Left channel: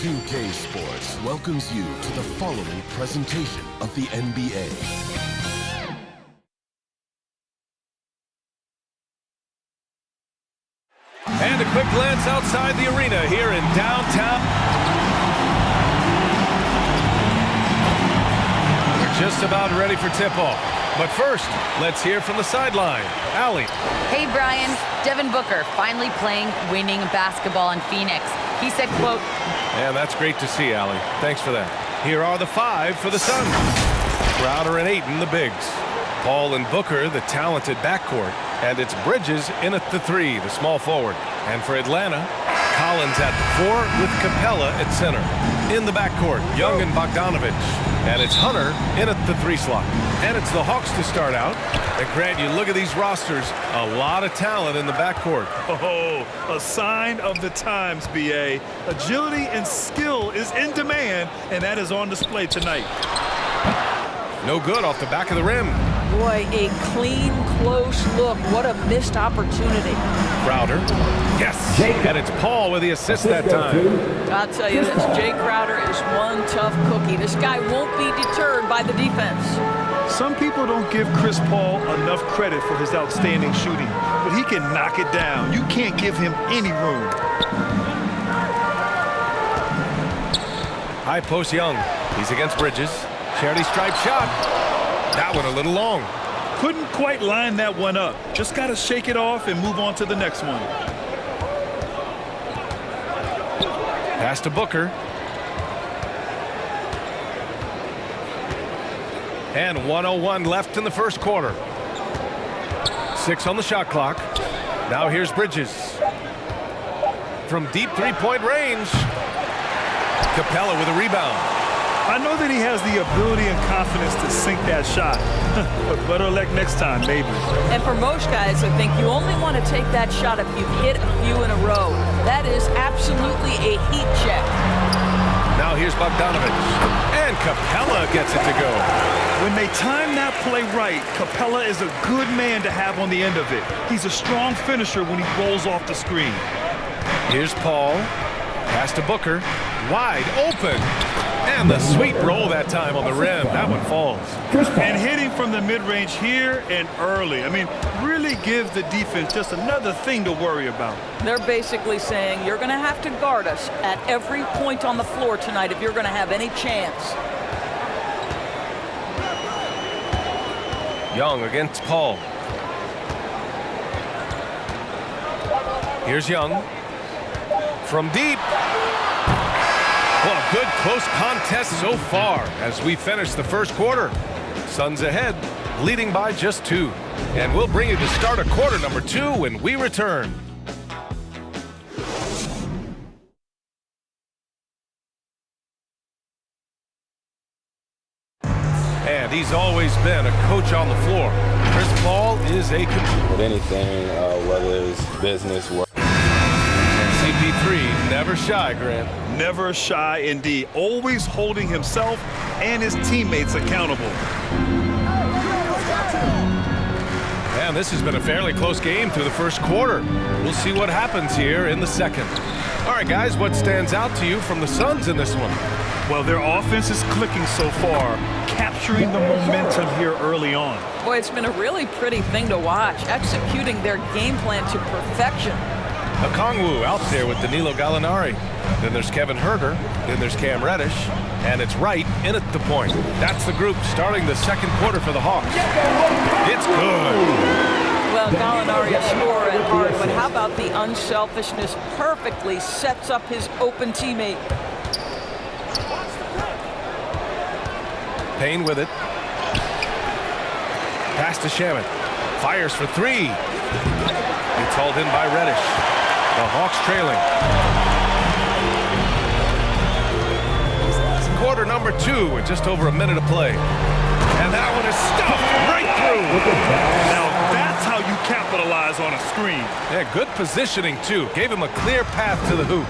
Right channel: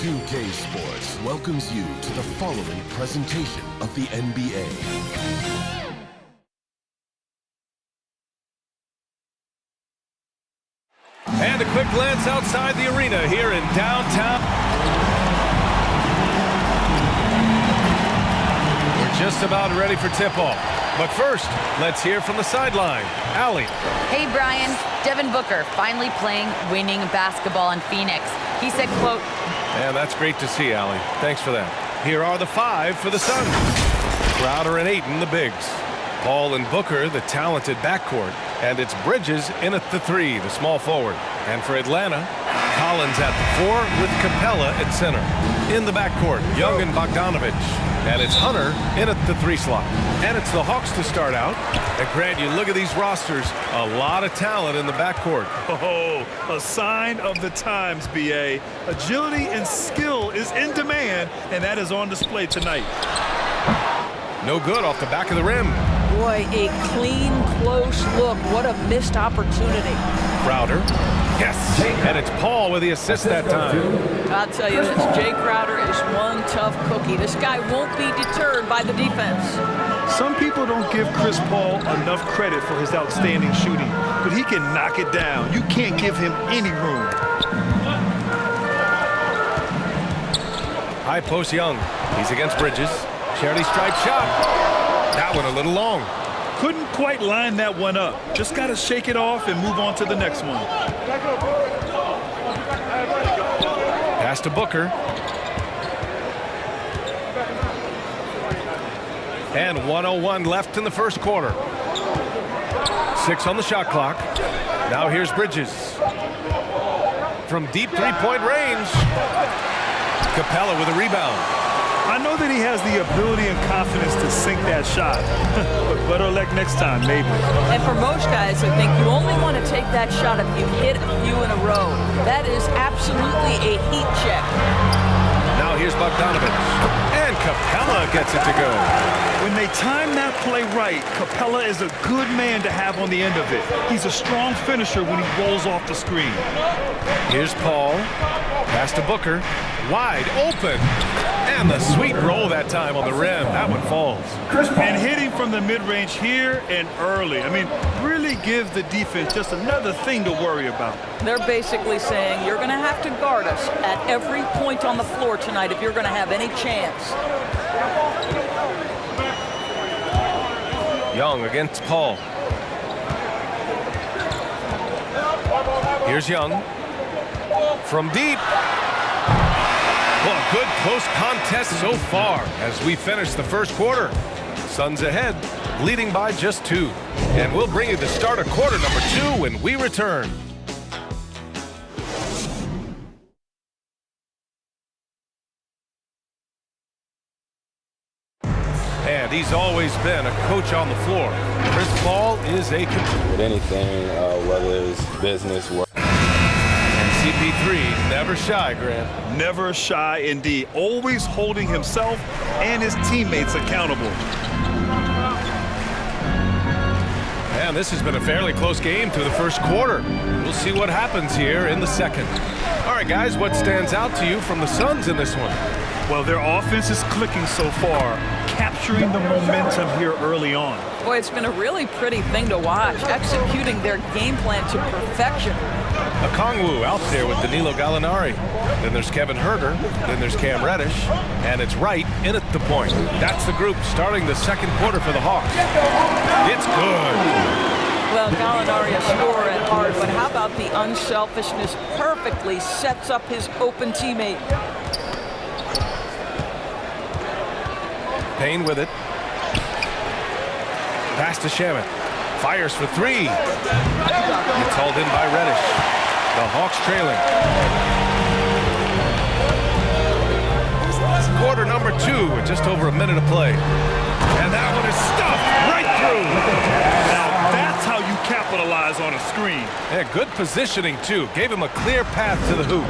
NBA2K Sports welcomes you to the following presentation of the NBA. And a quick glance outside the arena here in downtown. We're just about ready for tip-off. But first, let's hear from the sideline. Allie. Hey, Brian. Devin Booker finally playing winning basketball in Phoenix. He said, quote, "And that's great to see, Allie. Thanks for that." Here are the five for the Suns. Crowder and Ayton, the bigs. Paul and Booker, the talented backcourt. And it's Bridges in at the three, the small forward. And for Atlanta, Collins at the four with Capella at center. In the backcourt, Young and Bogdanovich. And it's Hunter in at the three slot. And it's the Hawks to start out. And Grant, you look at these rosters, a lot of talent in the backcourt. Oh, a sign of the times, B.A. Agility and skill is in demand, and that is on display tonight. No good off the back of the rim. Boy, a clean, close look. What a missed opportunity. Crowder. Yes. And it's Paul with the assist that time. I'll tell you this, Jay Crowder is one tough cookie. This guy won't be deterred by the defense. Some people don't give Chris Paul enough credit for his outstanding shooting, but he can knock it down. You can't give him any room. High post Young. He's against Bridges. Charity stripe shot. That one a little long. Couldn't quite line that one up. Just got to shake it off and move on to the next one. Pass to Booker. And 1:01 left in the first quarter. 6 on the shot clock. Now here's Bridges. From deep three-point range. Capella with a rebound. I know that he has the ability and confidence to sink that shot, but better luck next time, maybe. And for most guys, I think you only want to take that shot if you've hit a few in a row. That is absolutely a heat check. Now here's Bogdanovich. And Capella gets it to go. When they time that play right, Capella is a good man to have on the end of it. He's a strong finisher when he rolls off the screen. Here's Paul. Pass to Booker. Wide open. And the sweet roll that time on the rim. That one falls. And hitting from the mid-range here and early. I mean, really gives the defense just another thing to worry about. They're basically saying you're going to have to guard us at every point on the floor tonight if you're going to have any chance. Young against Paul. Here's Young. From deep. Well, a good close contest so far as we finish the first quarter. Suns ahead, leading by just 2. And we'll bring you the start of quarter number 2 when we return. And he's always been a coach on the floor. Chris Paul is a with anything, whether it's business, work. CP3 never shy, Grant. Never shy indeed. Always holding himself and his teammates accountable. And this has been a fairly close game through the first quarter. We'll see what happens here in the second. All right, guys, what stands out to you from the Suns in this one? Well, their offense is clicking so far, capturing the momentum here early on. Boy, it's been a really pretty thing to watch, executing their game plan to perfection. Okongwu out there with Danilo Gallinari. Then there's Kevin Huerter. Then there's Cam Reddish. And it's Wright in at the point. That's the group starting the second quarter for the Hawks. It's good. Well, Gallinari a scorer at heart, but how about the unselfishness? Perfectly sets up his open teammate. Payne with it. Pass to Shamet. Fires for 3. It's hauled in by Reddish. The Hawks trailing. Quarter number 2 with just over a minute to play. And that one is stuffed right through. Now that's how you capitalize on a screen. Yeah, good positioning too. Gave him a clear path to the hoop.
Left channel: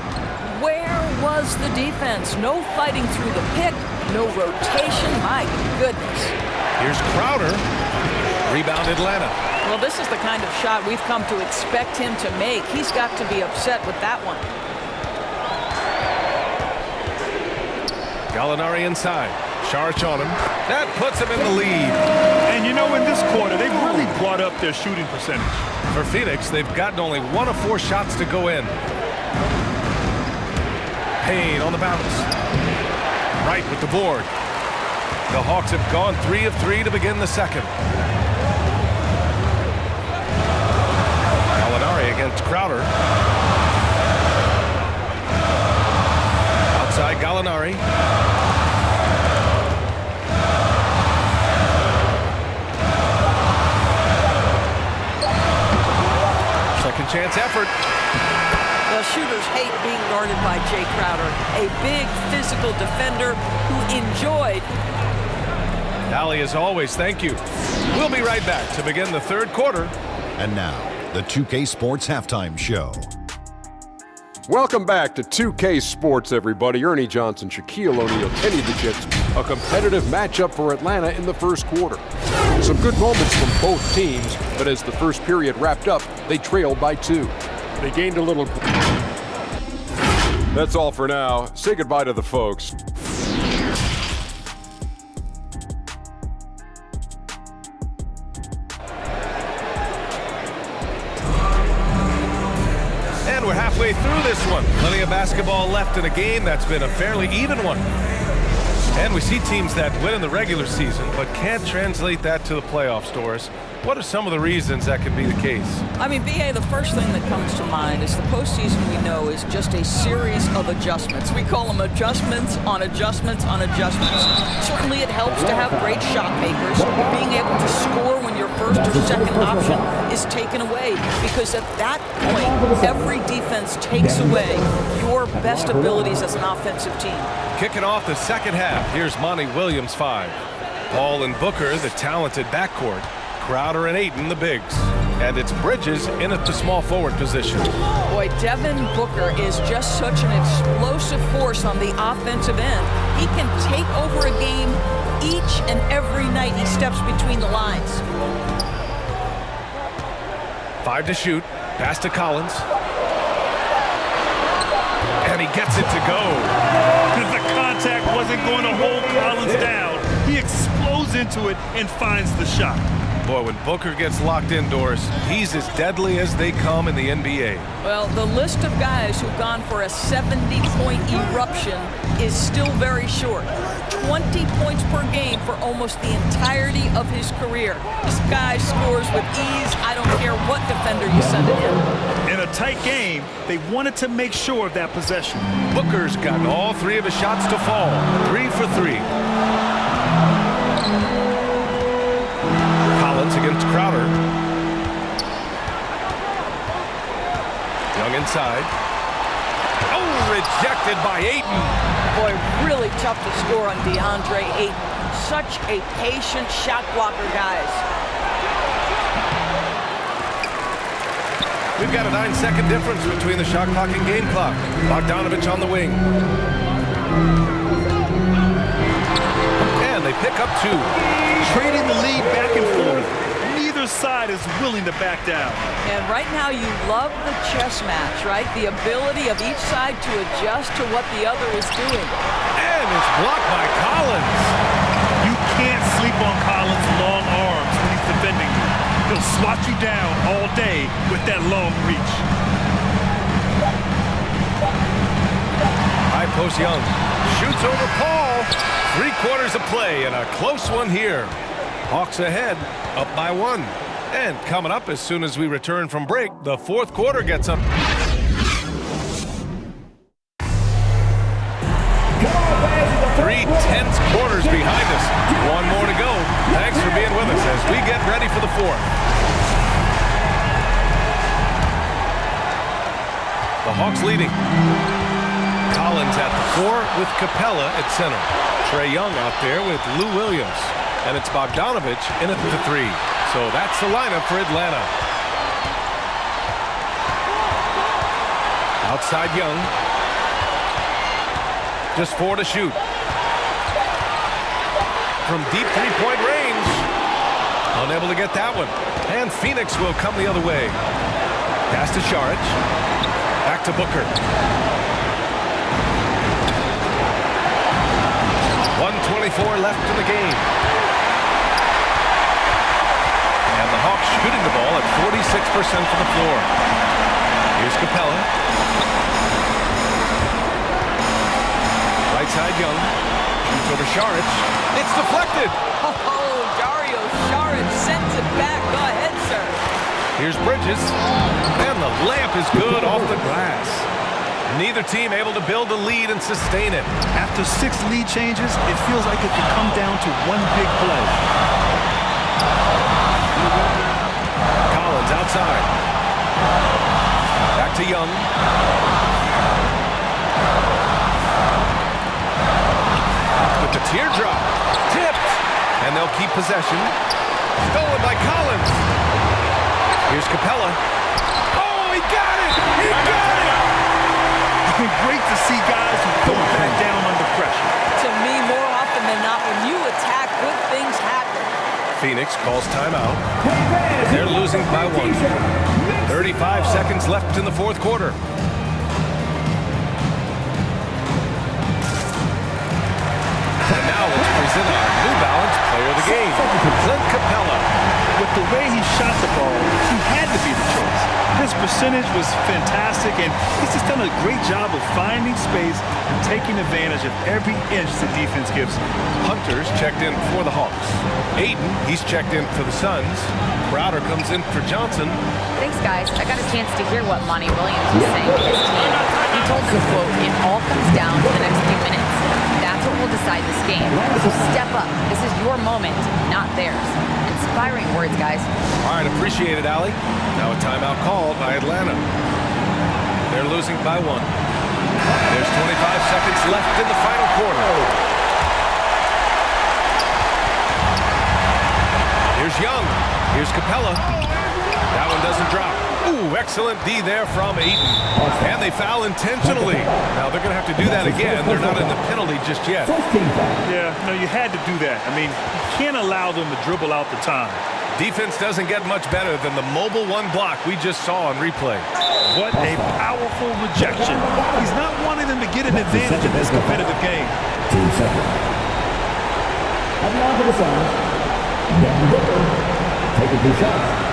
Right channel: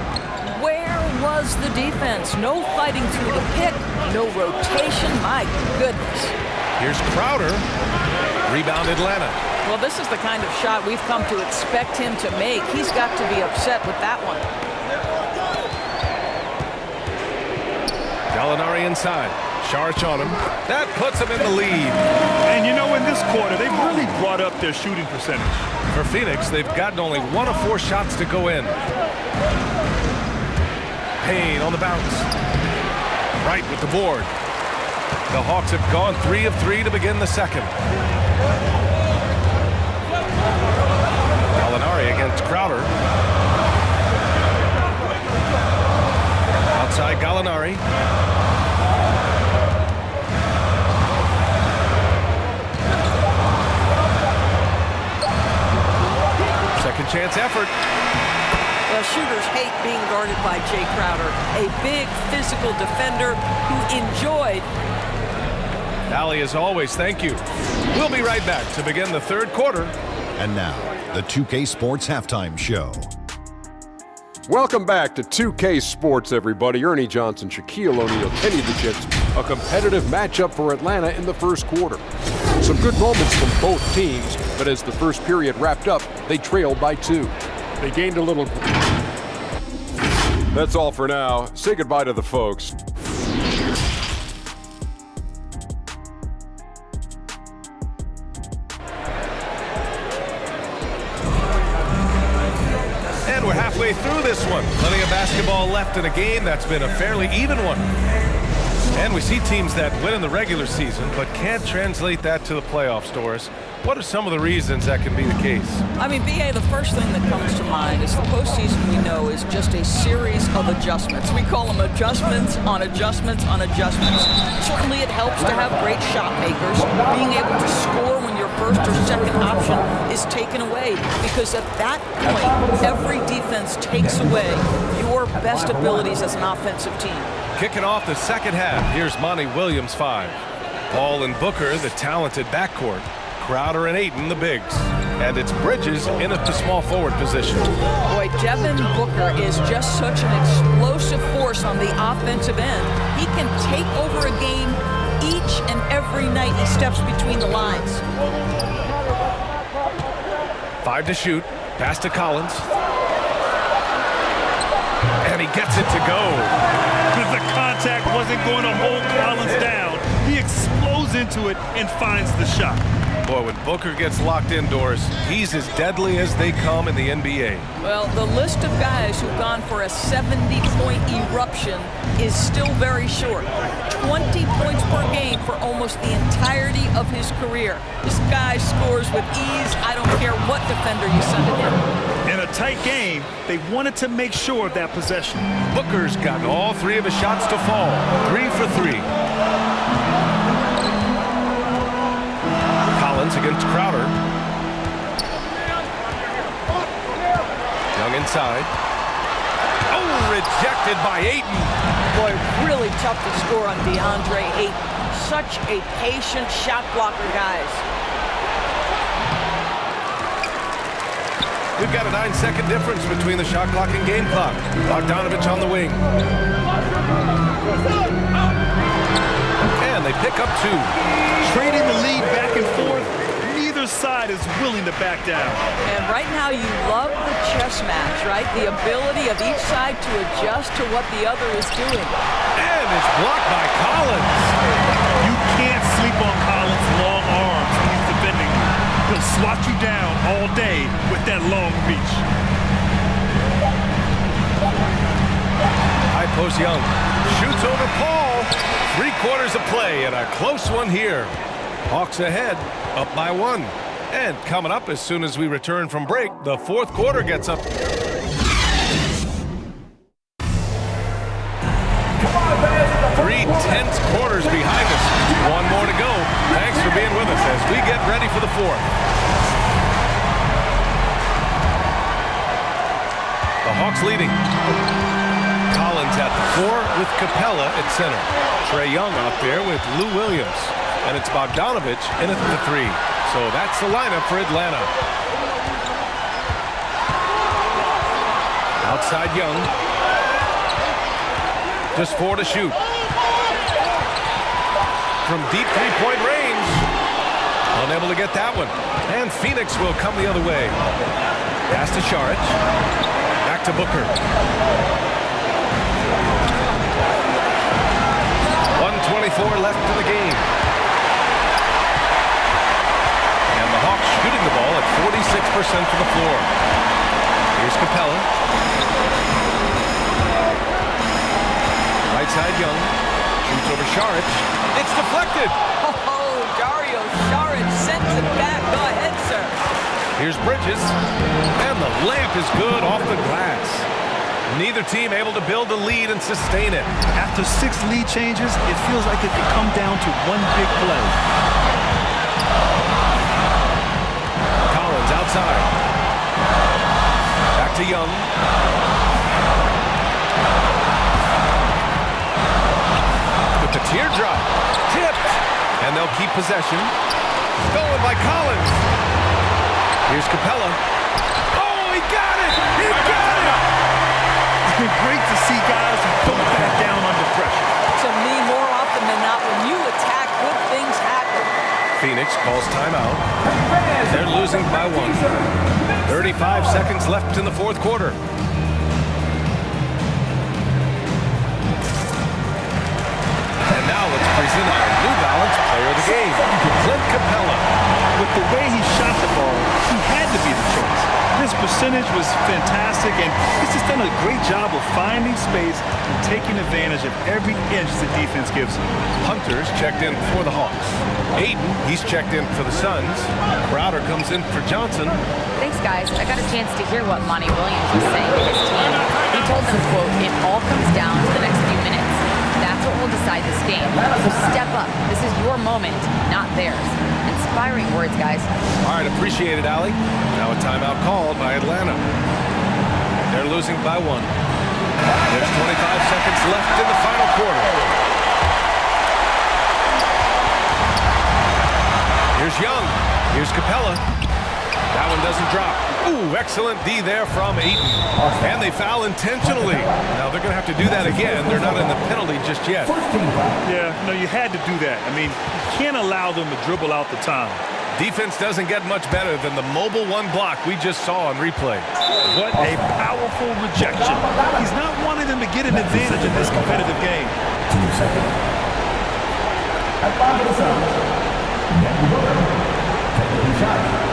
Where was the defense? No fighting through the pick, no rotation. My goodness. Here's Crowder. Rebound Atlanta. Well, this is the kind of shot we've come to expect him to make. He's got to be upset with that one. Gallinari inside. Sharch on him. That puts him in the lead. And you know, in this quarter, they've really brought up their shooting percentage. For Phoenix, they've gotten only 1 of 4 shots to go in. Payne on the bounce. Right with the board. The Hawks have gone 3 of 3 to begin the second. Gallinari against Crowder. Outside Gallinari. Second chance effort. The shooters hate being guarded by Jay Crowder, a big physical defender who enjoyed. Allie, as always, thank you. We'll be right back to begin the third quarter. And now, the 2K Sports Halftime Show. Welcome back to 2K Sports, everybody. Ernie Johnson, Shaquille O'Neal, Kenny the Jets. A competitive matchup for Atlanta in the first quarter. Some good moments from both teams, but as the first period wrapped up, they trailed by 2. They gained a little. That's all for now. Say goodbye to the folks. And we're halfway through this one. Plenty of basketball left in a game that's been a fairly even one. And we see teams that win in the regular season but can't translate that to the playoffs, Doris. What are some of the reasons that can be the case? I mean, B.A., the first thing that comes to mind is the postseason, we know, is just a series of adjustments. We call them adjustments on adjustments on adjustments. Certainly it helps to have great shot makers, being able to score when your first or second option is taken away, because at that point, every defense takes away your best abilities as an offensive team. Kicking off the second half, here's Monty Williams 5. Paul and Booker, the talented backcourt. Crowder and Ayton, the bigs. And it's Bridges in at the small forward position. Boy, Devin Booker is just such an explosive force on the offensive end. He can take over a game each and every night he steps between the lines. 5 to shoot. Pass to Collins. And he gets it to go. The contact wasn't going to hold Collins down. He explodes into it and finds the shot. Boy, when Booker gets locked indoors, he's as deadly as they come in the NBA. Well, the list of guys who've gone for a 70-point eruption is still very short. 20 points per game for almost the entirety of his career. This guy scores with ease. I don't care what defender you send at him. In a tight game, they wanted to make sure of that possession. Booker's gotten all 3 of his shots to fall. 3 for 3. Collins against Crowder. Young inside. Oh, rejected by Ayton. Boy, really tough to score on DeAndre Ayton. Such a patient shot blocker, guys. We've got a 9-second difference between the shot clock and game clock. Bogdanovich on the wing. And they pick up 2. Trading the lead back and forth, neither side is willing to back down. And right now you love the chess match, right? The ability of each side to adjust to what the other is doing. And it's blocked by Collins. You can't sleep on Collins' long arms when he's defending you. He'll swat you down all day with that long reach. High post Young. Shoots over Paul. 3 quarters of play and a close one here. Hawks ahead, up by 1. And coming up as soon as we return from break, the fourth quarter gets up. 3 tense quarters behind us. 1 more to go. Thanks for being with us as we get ready for the fourth. The Hawks leading. Collins at the 4 with Capella at center. Trae Young out there with Lou Williams. And it's Bogdanovich in at the 3. So that's the lineup for Atlanta. Outside Young. Just 4 to shoot. From deep 3-point range. Unable to get that one. And Phoenix will come the other way. Pass to Saric. Back to Booker. 1:24 left in the game. And the Hawks shooting the ball at 46% from the floor. Here's Capella. Right side Young. Shoots over Saric. It's deflected. Oh, Dario Saric sends it back. Go ahead, sir. Here's Bridges. And the layup is good off the glass. Neither team able to build a lead and sustain it. After 6 lead changes, it feels like it could come down to one big play. Collins outside. Back to Young. With the teardrop. Tipped. And they'll keep possession. Stolen by Collins. Here's Capella. Oh, he got it! He got it! Great to see guys who don't back down under pressure. To me, more often than not, when you attack, good things happen. Phoenix calls timeout. They're losing by 1. 35 seconds left in the fourth quarter. And now let's present our New Balance player of the game, Clint Capella. With the way he shot the ball, he had to be the choice. His percentage was fantastic, and he's just done a great job of finding space and taking advantage of every inch the defense gives him. Hunter's checked in for the Hawks. Aiden, he's checked in for the Suns. Crowder comes in for Johnson. Thanks, guys. I got a chance to hear what Monty Williams was saying to his team. He told them, quote, "It all comes down to the next few minutes. That's what will decide this game. So step up. This is your moment, not theirs." Inspiring words, guys. All right, appreciate it, Allie. Now a timeout called by Atlanta. They're losing by 1. There's 25 seconds left in the final quarter. Here's Young. Here's Capella. That one doesn't drop. Ooh, excellent D there from Aiden. And they foul intentionally. Now they're going to have to do that again. They're not in the penalty just yet. Yeah, no, you had to do that. I mean, you can't allow them to dribble out the time. Defense doesn't get much better than the mobile 1 block we just saw on replay. What a powerful rejection. He's not wanting them to get an advantage in this competitive game. 2 seconds. At line for the Suns, Devin Booker taking 2 shots.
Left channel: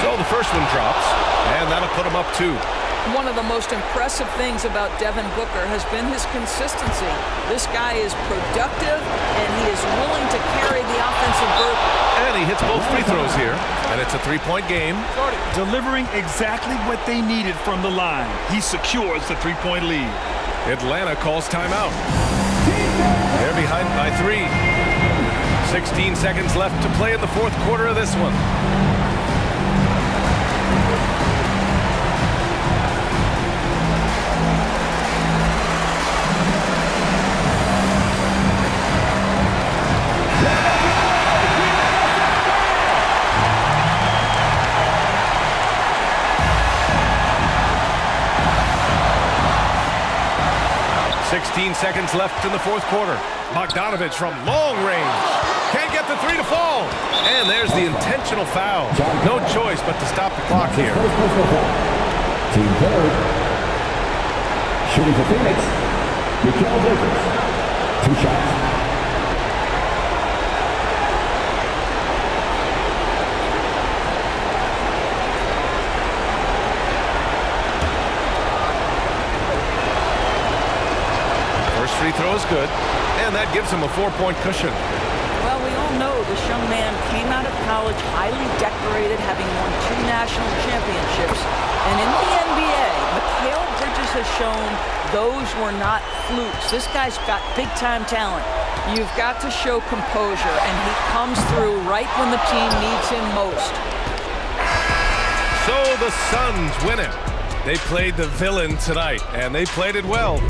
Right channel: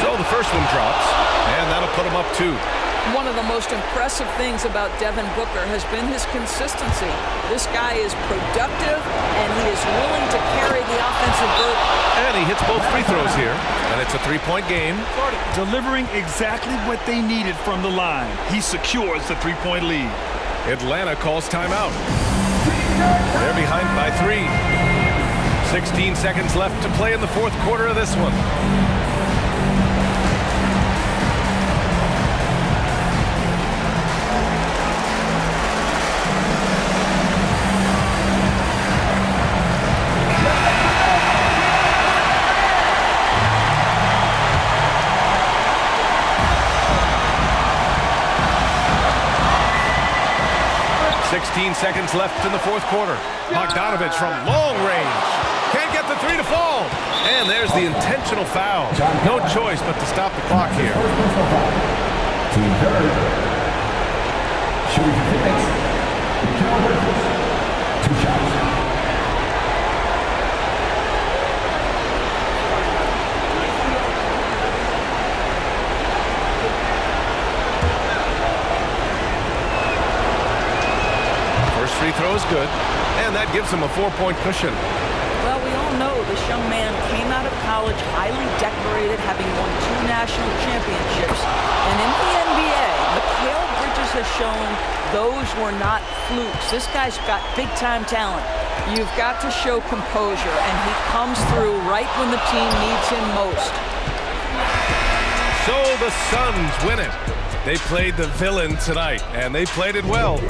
So the first one drops, and that'll put him up 2. One of the most impressive things about Devin Booker has been his consistency. This guy is productive, and he is willing to carry the offensive burden. And he hits both free throws here, and it's a 3-point game. Delivering exactly what they needed from the line. He secures the 3-point lead. Atlanta calls timeout. They're behind by 3. 16 seconds left to play in the fourth quarter of this one. .16 seconds left in the fourth quarter. Bogdanovich from long range. Can't get the 3 to fall. And there's the intentional foul. No choice but to stop the clock here. Team third. Shooting for Phoenix. Mikal Bridges. 2 shots. First free throw is good, and that gives him a 4-point cushion. Well, we all know this young man came out of college highly decorated, having won 2 national championships. And in the NBA, Mikal Bridges has shown those were not flukes. This guy's got big-time talent. You've got to show composure, and he comes through right when the team needs him most. So the Suns win it. They played the villain tonight, and they played it well.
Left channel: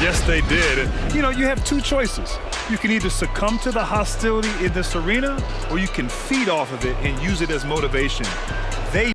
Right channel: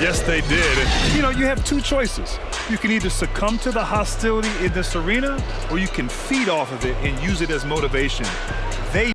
Yes, they did. And, you know, you have 2 choices. You can either succumb to the hostility in this arena, or you can feed off of it and use it as motivation. They